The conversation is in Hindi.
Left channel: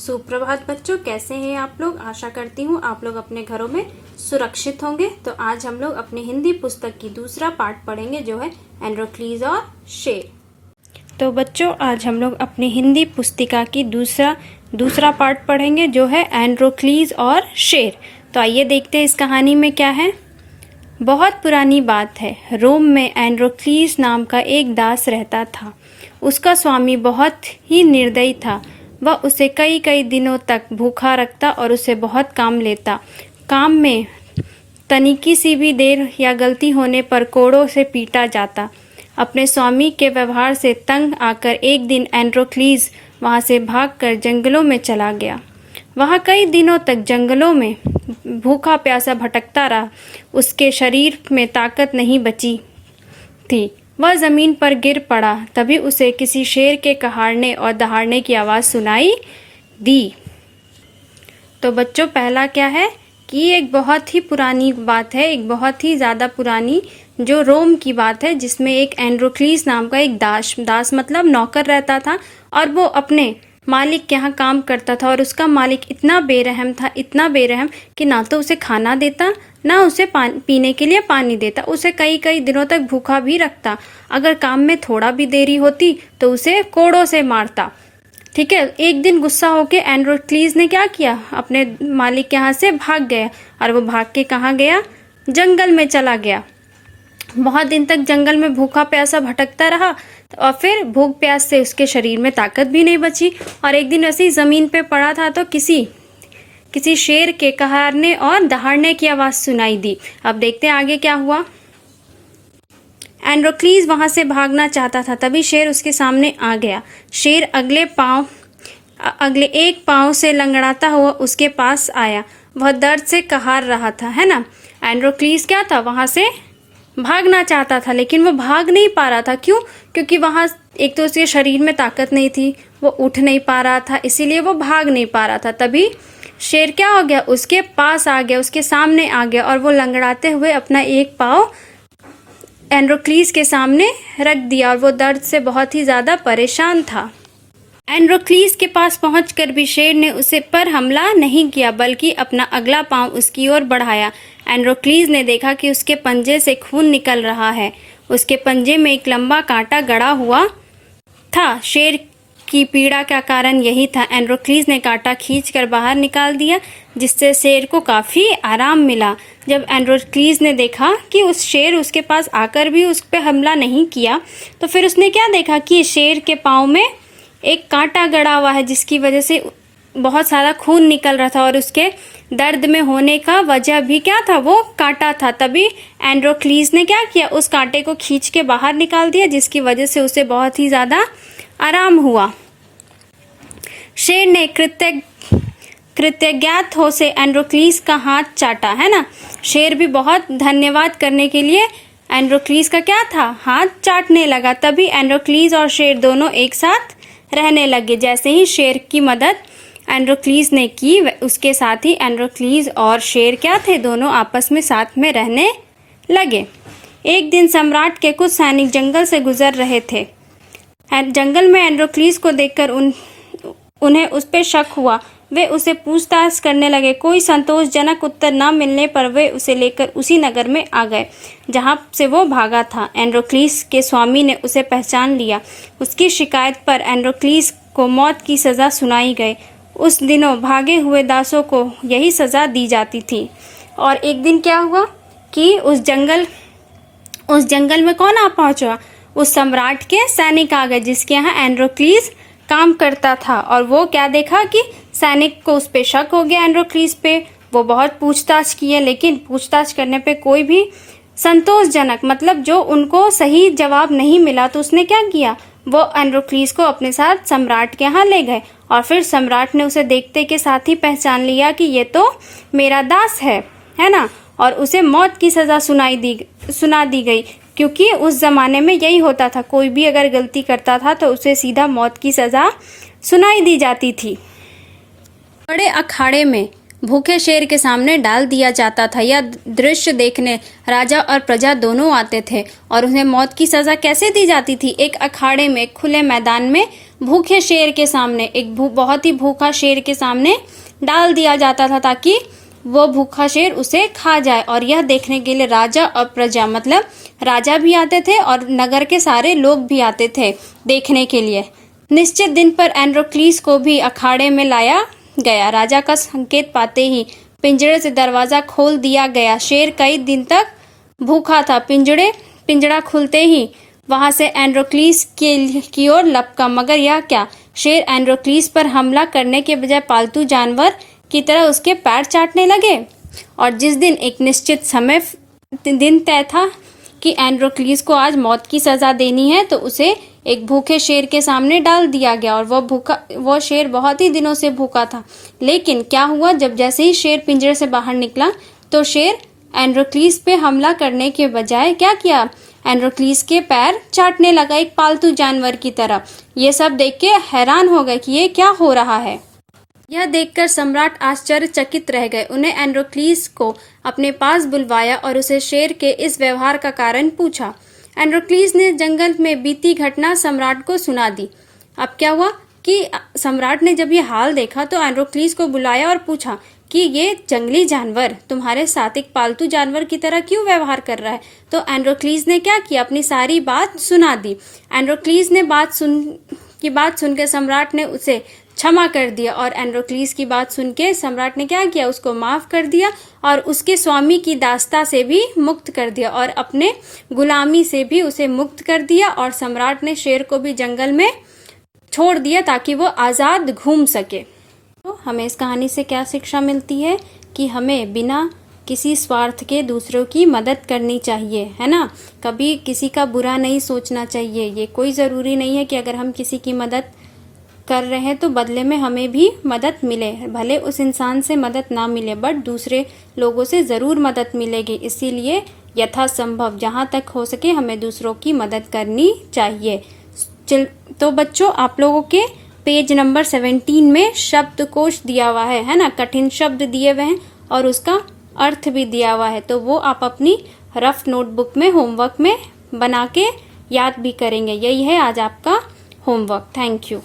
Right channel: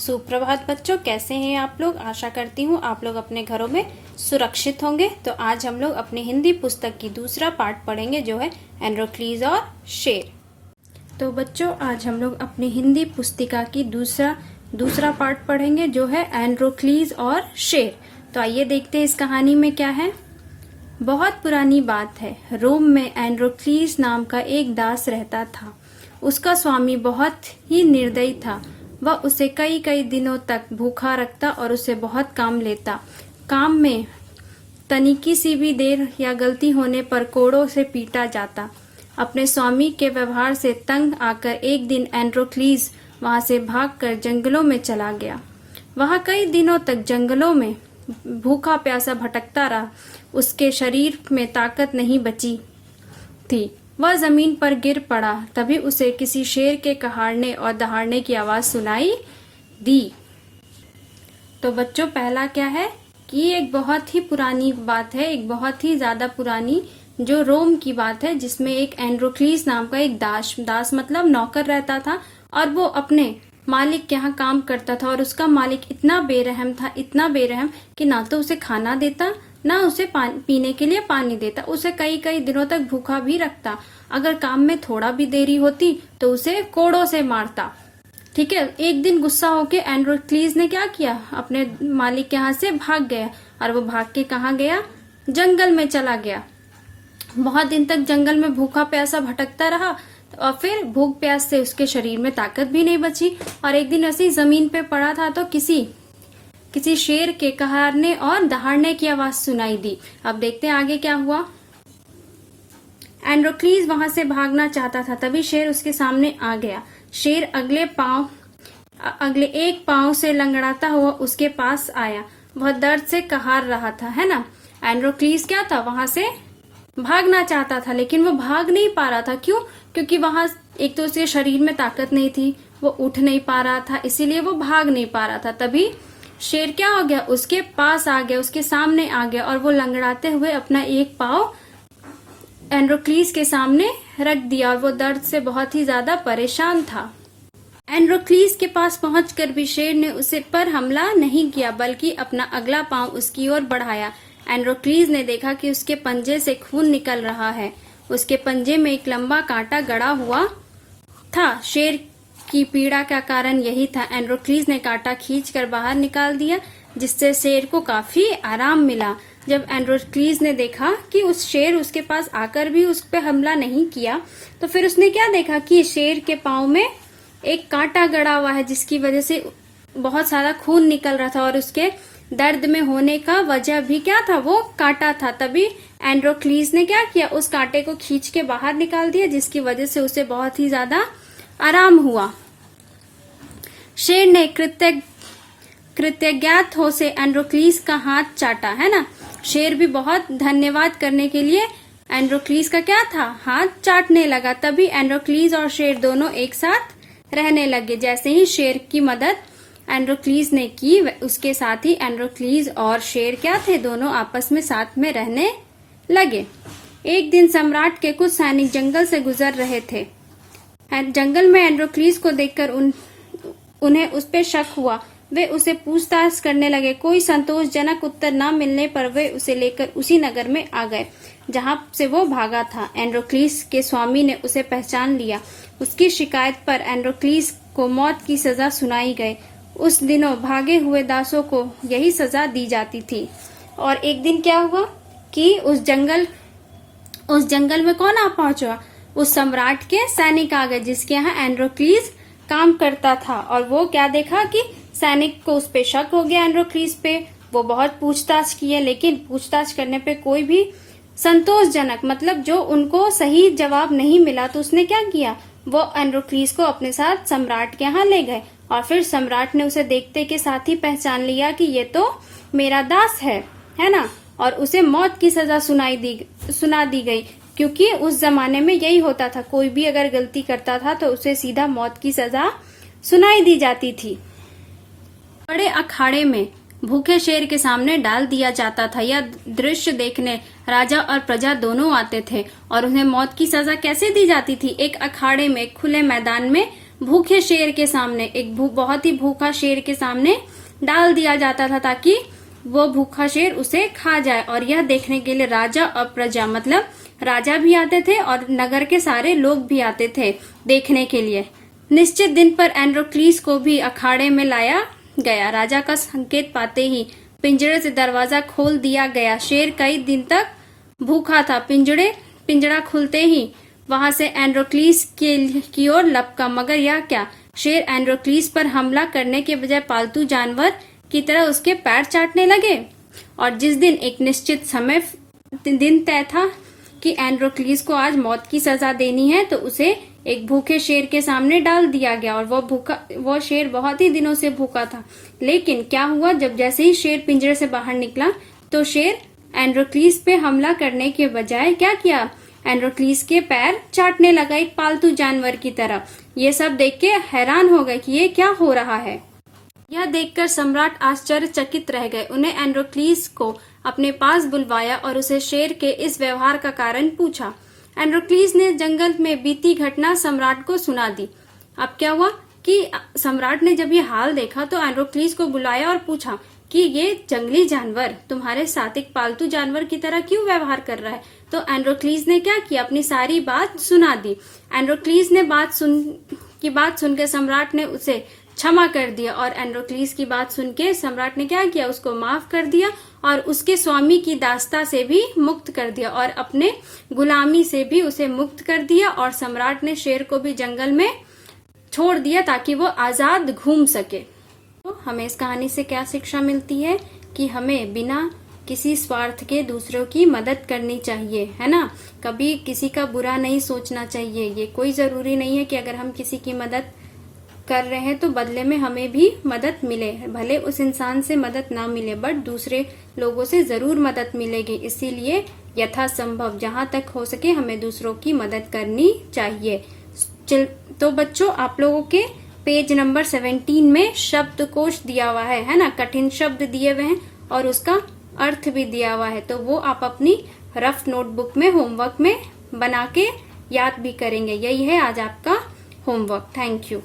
सुप्रभात बच्चों, कैसे हैं आप लोग। आशा करती हूँ आप लोग अपने घरों में सुरक्षित होंगे। तो आज हम लोग अपनी हिंदी पुस्तक की दूसरा पार्ट पढ़ेंगे जो है एंड्रोक्लीज और शेर। तो बच्चों आज हम लोग अपनी हिंदी पुस्तिका की दूसरा पार्ट पढ़ेंगे जो है एंड्रोक्लीज और शेर। तो आइए देखते हैं इस कहानी में क्या है। बहुत पुरानी बात है, रोम में एंड्रोक्लीज नाम का एक दास रहता था। उसका स्वामी बहुत ही निर्दयी था। वह उसे कई कई दिनों तक भूखा रखता और उसे बहुत काम लेता। काम में तनिकी सी भी देर या गलती होने पर कोड़ों से पीटा जाता। अपने स्वामी के व्यवहार से तंग आकर एक दिन एंड्रोक्लीज वहां से भागकर जंगलों में चला गया। वहां कई दिनों तक जंगलों में भूखा प्यासा भटकता रहा। उसके शरीर में ताकत नहीं बची थी। वह जमीन पर गिर पड़ा। तभी उसे किसी शेर के कहाड़ने और दहाड़ने की आवाज सुनाई दी। तो बच्चों पहला क्या है कि एक बहुत ही पुरानी बात है, एक बहुत ही ज्यादा पुरानी जो रोम की बात है, जिसमें एक एंड्रोक्लीज नाम का एक दास मतलब नौकर रहता था और वो अपने मालिक के यहाँ काम करता था। और उसका मालिक इतना बेरहम था, इतना बेरहम कि ना तो उसे खाना देता ना उसे पीने के लिए पानी देता। उसे कई कई दिनों तक भूखा भी रखता। अगर काम में थोड़ा भी देरी होती तो उसे कोड़ों से मारता। ठीक है, एक दिन गुस्सा होकर एंड्रोक्लीज ने क्या किया, अपने मालिक के यहाँ से भाग गया। और वो भाग के कहाँ गया, जंगल में चला गया। बहुत दिन तक जंगल में भूखा प्यासा भटकता रहा और फिर भूख प्यास से उसके शरीर में ताकत भी नहीं बची। और एक दिन ऐसे ही जमीन पे पड़ा था तो किसी शेर के कहारने और दहाड़ने की आवाज सुनाई दी। अब देखते हैं आगे क्या हुआ। एंड्रोक्लीज वहां से भागना चाहता था, तभी शेर उसके सामने आ गया। शेर अगले एक पांव से लंगड़ाता हुआ उसके पास आया। वह दर्द से कहार रहा था, है ना। एंड्रोक्लीज क्या था, वहां से भागना चाहता था लेकिन वो भाग नहीं पा रहा था। क्यों? क्योंकि वहां एक तो उसके शरीर में ताकत नहीं थी, वो उठ नहीं पा रहा था, इसीलिए वो भाग नहीं पा रहा था। तभी शेर क्या हो गया, उसके पास आ गया, उसके सामने आ गया और वो लंगड़ाते हुए अपना एक पाँव एंड्रोक्लीज के सामने रख दिया और वो दर्द से बहुत ही ज्यादा परेशान था। एंड्रोक्लीज के पास पहुंचकर भी शेर ने उसे पर हमला नहीं किया, बल्कि अपना अगला पांव उसकी ओर बढ़ाया। एंड्रोक्लीज ने देखा कि उसके पंजे से खून निकल रहा है। उसके पंजे में एक लंबा कांटा गड़ा हुआ था। शेर की पीड़ा का कारण यही था। एंड्रोक्लीज ने कांटा खींचकर बाहर निकाल दिया, जिससे शेर को काफी आराम मिला। जब एंड्रोक्लीज ने देखा कि उस शेर उसके पास आकर भी उस पर हमला नहीं किया, तो फिर उसने क्या देखा कि शेर के पाँव में एक कांटा गड़ा हुआ है, जिसकी वजह से बहुत सारा खून निकल रहा था और उसके दर्द में होने का वजह भी क्या था, वो कांटा था। तभी एंड्रोक्लीज ने क्या किया, उस कांटे को खींच के बाहर निकाल दिया, जिसकी वजह से उसे बहुत ही ज्यादा आराम हुआ। शेर ने कृतज्ञात हो से एंड्रोक्लीज का हाथ चाटा, है ना। शेर भी बहुत धन्यवाद करने के लिए एंड्रोक्लीज का क्या था, हाथ चाटने लगा। तभी एंड्रोक्लीज और शेर दोनों एक साथ रहने लगे। जैसे ही शेर की मदद एंड्रोक्लीज ने की, उसके साथ ही एंड्रोक्लीज और शेर क्या थे, दोनों आपस में साथ में रहने लगे। एक दिन सम्राट के कुछ सैनिक जंगल से गुजर रहे थे। जंगल में एंड्रोक्लीज को देखकर उन्हें उस पर शक हुआ। वे उसे पूछताछ करने लगे। कोई संतोषजनक उत्तर न मिलने पर वे उसे लेकर उसी नगर में आ गए जहां से वो भागा था। एंड्रोक्लीज के स्वामी ने उसे पहचान लिया। उसकी शिकायत पर एंड्रोक्लीज को मौत की सजा सुनाई गई। उस दिनों भागे हुए दासों को यही सजा दी जाती थी। और एक दिन क्या हुआ कि उस जंगल में कौन आ पहुंचा, उस सम्राट के सैनिक आ गए जिसके यहाँ एंड्रोक्लीज काम करता था। और वो क्या देखा कि सैनिक को उस पे शक हो गया, एंड्रोक्लीज पे। वो बहुत पूछताछ किए, लेकिन पूछताछ करने पे कोई भी संतोषजनक मतलब जो उनको सही जवाब नहीं मिला, तो उसने क्या किया, वो एंड्रोक्लीज को अपने साथ सम्राट के यहाँ ले गए। और फिर सम्राट ने उसे देखते के साथ ही पहचान लिया कि ये तो मेरा दास है ना। और उसे मौत की सजा सुना दी गई, क्योंकि उस जमाने में यही होता था, कोई भी अगर गलती करता था तो उसे सीधा मौत की सजा सुनाई दी जाती थी। बड़े अखाड़े में भूखे शेर के सामने डाल दिया जाता था। यह दृश्य देखने राजा और प्रजा दोनों आते थे। और उन्हें मौत की सजा कैसे दी जाती थी, एक अखाड़े में खुले मैदान में भूखे शेर के सामने, एक बहुत ही भूखा शेर के सामने डाल दिया जाता था ताकि वो भूखा शेर उसे खा जाए। और यह देखने के लिए राजा और प्रजा, मतलब राजा भी आते थे और नगर के सारे लोग भी आते थे देखने के लिए। निश्चित दिन पर एंड्रोक्लीस को भी अखाड़े में लाया गया। राजा का संकेत पाते ही पिंजरे से दरवाजा खोल दिया गया। शेर कई दिन तक भूखा था। पिंजरा खुलते ही वहां से एंड्रोक्लीस की ओर लपका, मगर यह क्या, शेर एंड्रोक्लीस पर हमला करने के बजाय पालतू जानवर की तरह उसके पैर चाटने लगे। और जिस दिन एक निश्चित समय दिन तय था कि एंड्रोक्लीस को आज मौत की सजा देनी है, तो उसे एक भूखे शेर के सामने डाल दिया गया। और वो शेर बहुत ही दिनों से भूखा था। लेकिन क्या हुआ, जब जैसे ही शेर पिंजरे से बाहर निकला तो शेर एंड्रोक्लीस पे हमला करने के बजाय क्या किया, एंड्रोक्लीस के पैर चाटने लगा एक पालतू जानवर की तरह। ये सब देख के हैरान हो गए कि ये क्या हो रहा है। यह देखकर सम्राट आश्चर्यचकित रह गए। उन्हें एंड्रोक्लीस को अपने पास बुलवाया और उसे शेर के इस व्यवहार का कारण पूछा। एंड्रोक्लीस ने जंगल में बीती घटना सम्राट को सुना दी। अब क्या हुआ कि सम्राट ने जब ये हाल देखा तो एंड्रोक्लीस को बुलाया और पूछा कि ये जंगली जानवर तुम्हारे साथ एक पालतू जानवर की तरह क्यों व्यवहार कर रहा है। तो एंड्रोक्लीस ने क्या किया, अपनी सारी बात सुना दी। एंड्रोक्लीस ने बात सुनकर सम्राट ने उसे क्षमा कर दिया। और एंड्रोक्लीस की बात सुन के सम्राट ने क्या किया, उसको माफ कर दिया और उसके स्वामी की दास्ता से भी मुक्त कर दिया और अपने गुलामी से भी उसे मुक्त कर दिया। और सम्राट ने शेर को भी जंगल में छोड़ दिया ताकि वो आजाद घूम सके। तो हमें इस कहानी से क्या शिक्षा मिलती है कि हमें बिना किसी स्वार्थ के दूसरों की मदद करनी चाहिए, है ना। कभी किसी का बुरा नहीं सोचना चाहिए। ये कोई जरूरी नहीं है कि अगर हम किसी की मदद कर रहे हैं तो बदले में हमें भी मदद मिले। भले उस इंसान से मदद ना मिले, बट दूसरे लोगों से जरूर मदद मिलेगी। इसीलिए यथासंभव जहां तक हो सके हमें दूसरों की मदद करनी चाहिए। तो बच्चों, आप लोगों के पेज नंबर 17 में शब्दकोश दिया हुआ है ना। कठिन शब्द दिए हुए हैं और उसका अर्थ भी दिया हुआ है। तो वो आप अपनी रफ नोटबुक में होमवर्क में बना के याद भी करेंगे। यही है आज आपका होमवर्क। Thank you.